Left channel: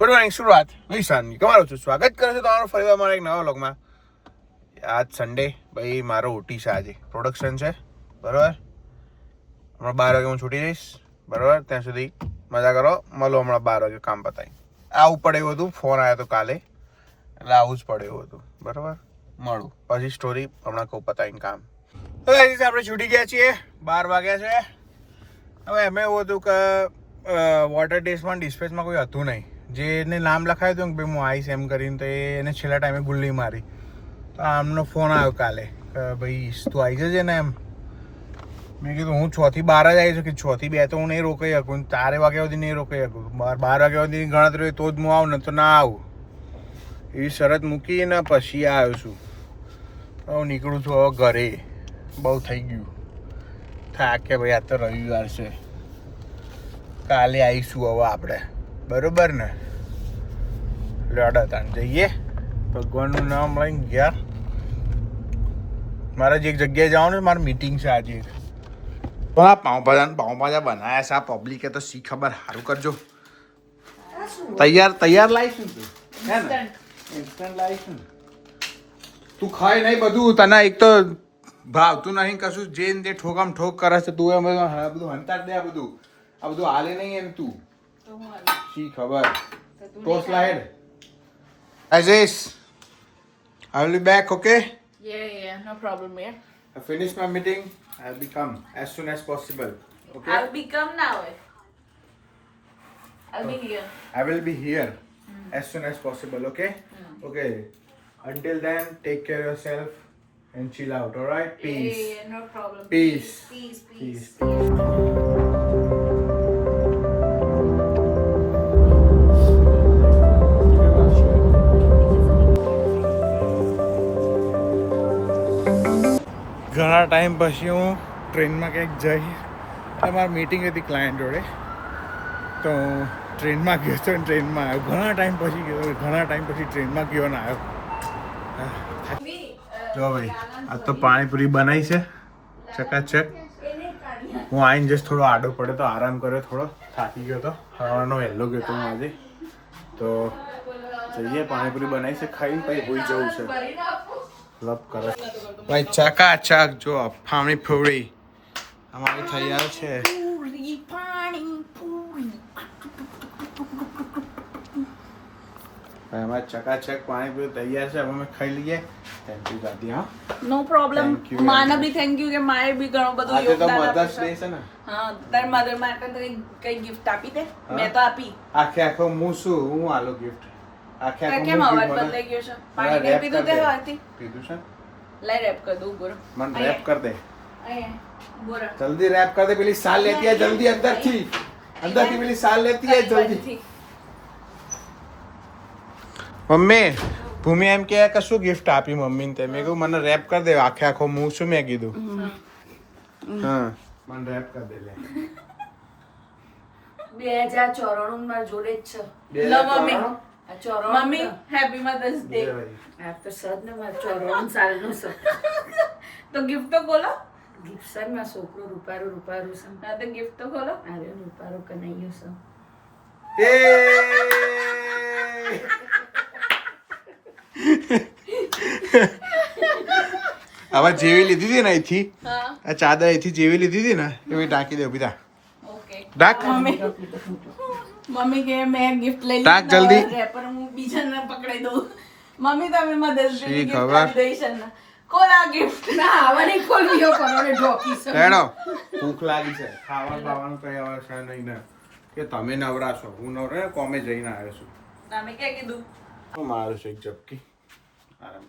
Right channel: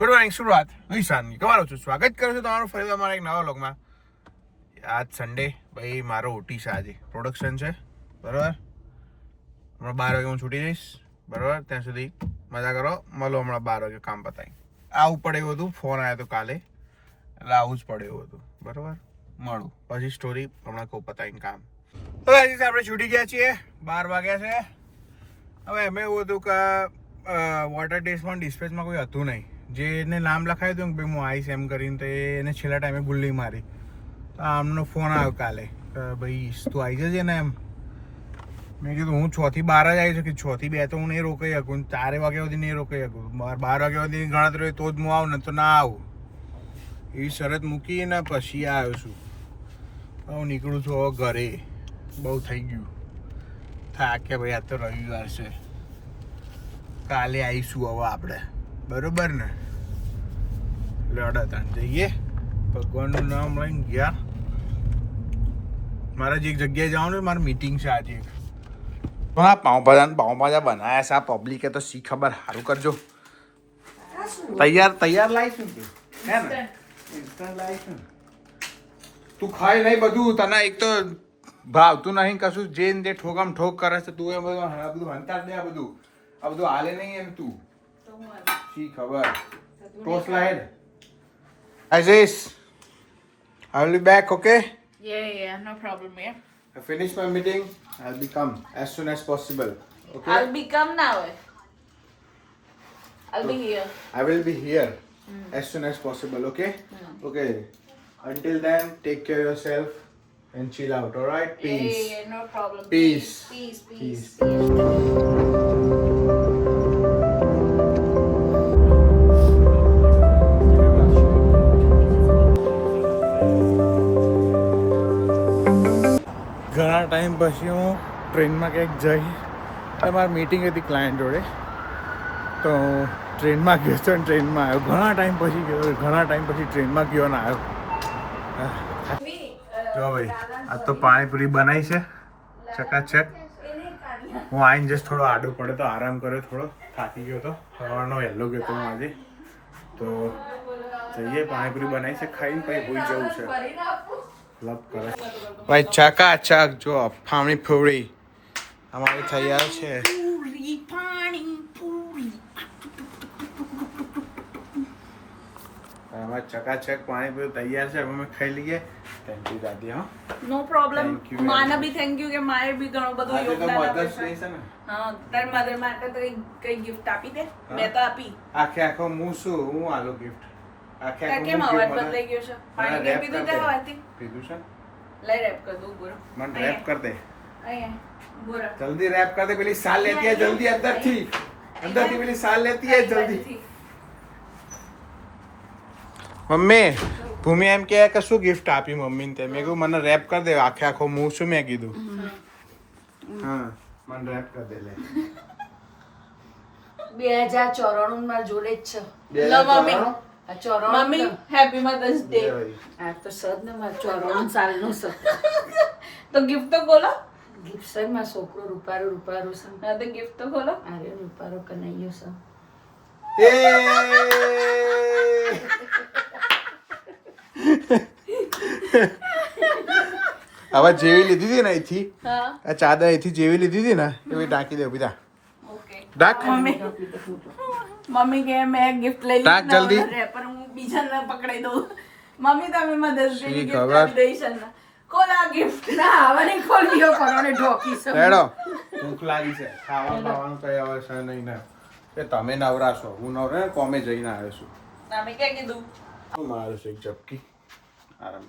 Good morning Surat વિશાનની તમારું છું સ્વાગત કરું છું તમારું ફરીવાર મારા એક નવા વ્લોગમાં. આજ સન્ડે ભાઈ મારો ઓટી છે, આજે પ્રોડક્શન છે બરાબર. હમણાં 12 વાગે હું છૂટી જઈશ બરાબર. ત્યાં સુધી મજા કરો, મળો હમણાં 12 વાગે કામ પતાવી. આવું પડે એવું હતું, ફોન આવ્યો હતો કાલે એટલે આવું જ પડે એવું હતું બરાબર. મળું પછી સ્ટોરી હમણાં કહું પતાવીને કામ. હવે આપણે છૂટી ગયા છીએ, 12 વાગ્યા છે. હવે એમ એવું હતું કે વોટર ટેસ્ટમાં ડિસ્પેચમાં કોઈ હતું નહીં. જે એને નામ લખાયું હતું કે ભાઈ હું આવીશ એમ કરીને, તો એને છેલ્લા ટાઈમે ગુલ્લી મારી. તો આમનો ફોન આવ્યો કાલે કે ભાઈ તું આવી જજે ને એમ. મેં કીધું હું 6 થી 12 જ આવી છું, કે 6 થી 2 તો હું નહીં રોકાઈ શકું, 4 વાગ્યા સુધી નહીં રોકાઈ શકું. 12 વાગ્યા સુધી ગણતરી હોય તો જ હું આવું, ને તો ના આવું. એવી શરત મૂકીને પછી આવ્યો છું. તો હું નીકળું છું હવે ઘરે. બહુ થઈ ગયું, થાક કે ભાઈ આ તો રવિવાર છે, કાલે આવીશું હવે આપણે બરોબર ને. લડા જઈએ, ભગવાનનું નામ લઈને ગયા. મારે જે એક જગ્યાએ જવાનું છે, મારી મીટિંગ છે આજે. પાઉંભાજા બનાવ્યા છે આ પબ્લિકે, તો શી ખબર, સારું કરજો. તૈયાર લાવીશું તું, હે ને? ઇન્સ્ટન્ટ લાવીશું. તું ખાઈ નહીં બધું, તને એક તો ભાવતું નહીં કશું. જે ને તે ઠોકામ ઠોક કરે છે તું. એમ બધું હંતાર દે, આ બધું હાલે નહીં એમ. તું શી ખબર. ટોસ્ટ લાહેડ Aziz, I will be back, okay? Yeah, no problem, yeah. I finish my meeting. I'll be come as soon as possible, okay? I'll become now. I'll be here. I will be here as soon as possible, okay? Okay. Until then, take care of yourself and chill out, alright? Peace. Yeah, no problem. Peace. Peace. ઘણા time પછી હું ટ્રેનમાં ક્યાંક જઈ. મારી meeting હતી client જોડે, તો ટ્રેનમાં ગયો હતો, ટ્રેનમાં આવ્યો. ઘણા ટાઈમ પછી ટ્રેનમાં ગયો ને આવ્યો. જો ભાઈ આજ તો પાણીપુરી બનાવી છે ચકાચક. હું આવીને જસ્ટ થોડો આડો પડ્યો તો આરામ કર્યો, થોડો થાકી ગયો હતો. સવારનો વહેલો ગયો હતો હું આજે. તો જઈએ, પાણીપુરી બનાવી છે, ખાઈને પછી ભૂલી જવું છે. લપ કરે ભાઈ ચકાચક. જો ફામણી પૂરી અમારી તૈયાર છે. અમારી ચકાચક પાણીપુરી તૈયાર છે. હવે અમે ખાઈ લઈએ. થેન્ક યુ દાદી. હા, નો પ્રોબ્લેમ. માને બી થેન્ક યુ કે માએ બી ઘણું બધું યોગદાન આપ્યું છે. હા, તાર મધર માટે તો કઈ ગિફ્ટ આપી દે. મેં તો આપી. આખો હું આલો ગિફ્ટ. કેમ અવાજ બદલાઈ ગયો છે? પાણી પીધું તે હતી. પીધું છે. લઈ રેપ કર દઉં બોરો. મને રેપ કર દે. અહીંયા બોરો. જલ્દી રેપ કર દે. પેલી સાલ લેતી આ જલ્દી અંદરથી પેલી સાલ લેતી આ જલ્દી. મમ્મી, ભૂમિ એમ કે કશું ગિફ્ટ આપી મમ્મીને તે. મેં કહ્યું મને રેપ કર દે. આખો હું શું મેં કીધું. હા, મને રેપ કર દે. લે 2094 માં જોડે જ છે. 2094 મમ્મી હેપી મધર્સ ડે. આ તો સદ ને 94 સાલનો છે. તો ગિફ્ટ તો ખોલો. ગિફ્ટ સર માં છોકરો રૂપારો છે. હા, તો ગિફ્ટ તો ખોલો. અરે રૂપારો કનાઈયો છે. એ હવે જેવી લીધી હતી ને અહીંથી, આ ચાદર અહીંથી જેવી લીધી હતી ને એવી ટાંકી દે. બીજા ઓકે ડાક મમ્મી કે મેં ગિફ્ટ લઈ ટાક જલ્દી. રેપર હું બીજાને પકડાઈ દઉં. મમ્મી તમે મદદ શી કરી ખબર. ગિફ્ટ આપી દઈશ ને. કોલા ગિફ્ટ ના હવે નહીં ખોલ્યો કોને ઢોકી છે. હેડો, ભૂખ લાગી છે. ખાવાનું બાવાનું કઈ આવે છે નહીં ને. કે તમે નવરા છો, હું નવરા કોમે જઈને આવ્યો છું. તમે ક્યાં કીધું? હું મારું છું એક ઝપકી આરામ.